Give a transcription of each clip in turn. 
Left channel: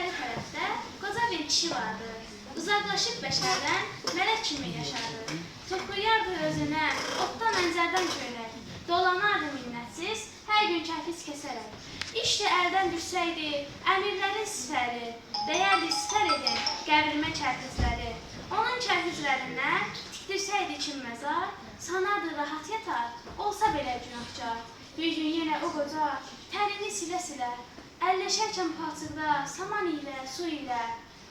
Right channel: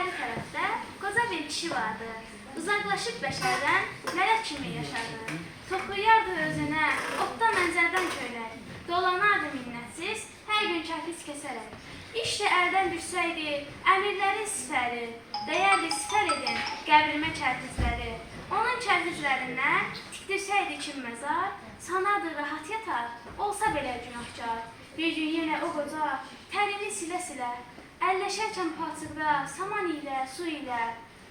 İçəri tərəfdə qoca bir kişi vardı. Uzaqlaşıb bəşərdən mələk kimi yaşardı. Toplayardı özünə otdan mənzərdən köynək. Dolanardı minnətsiz, hər gün kərpic kəsərək. İşdə əldən düşsəydi, əmirlərin sifəri, deyərdi sifər edin qəbrimə kərpicləri. Onun kərpiclərindən tikdirsəydi kim məzar, sanardı rahat yatar, olsa belə günahkar. Bir gün yenə o qoca tərini silə-silə, əlləşərkən palçıqda saman ilə, su ilə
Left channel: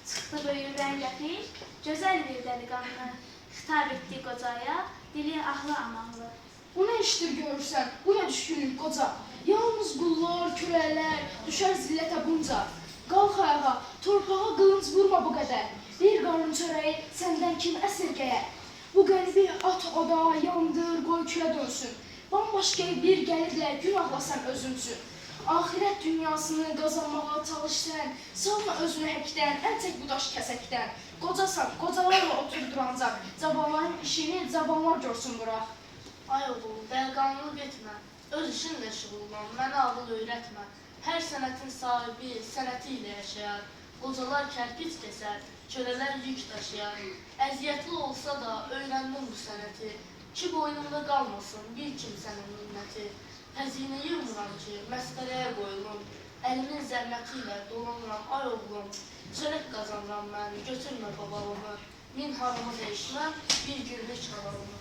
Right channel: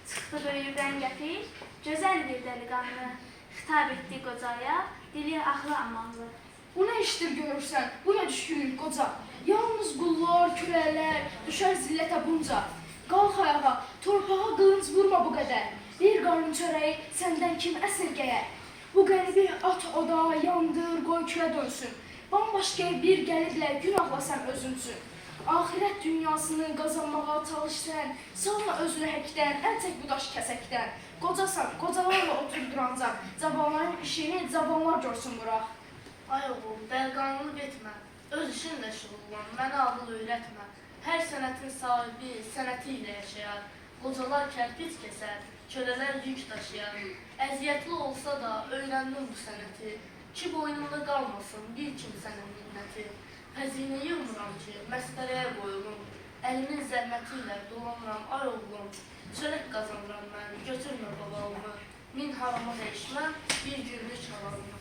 çıxdı böyürdən gəpir, gözəl bir dəliqanlı. Xitab etdi qocaya, dili ahlı amanlı. Bu nə işdir görürsən, bu nə düşkünlük qoca? Yalnız qullar, kürəklər, düşər zillətə bunca. Qalx ayağa, torpağa qılınc vurma bu qədər. Bir qarın çörəyi səndən kim əsirgəyər? Bu qəribi at oda, yandır, qoy külə dönsün. Bambaşqa bir gəliblə günahla sən özün üçün. Ahirət dünyasını qazanmağa çalış sən, salma özünü həkdən, əl çək bu daş kəsəkdən. Qocasan, qocalarla oturdur ancaq, cavanların işini cavanlar görsün bıraq. Ay oğlum, dəliqanlılıq etmə, öz işinlə şüğullan, mənə ağıl öyrətmə. Hər sənətin sahibi sənəti ilə yaşayar, qocalar kərpic kəsər, kölələr yük daşıyar. Əziyyətli olsa da öyrəndim bu sənəti, ki boynumda qalmasın bir kimsənin minnəti. Xəzinəyi umuram ki, məsxərəyə qoyulum, əlimin zəhməti ilə dolanıram, ay oğlum. Çörək qazanıram mən, götürmə babalımı, min harama dəyişməm, bir günlük halalımı.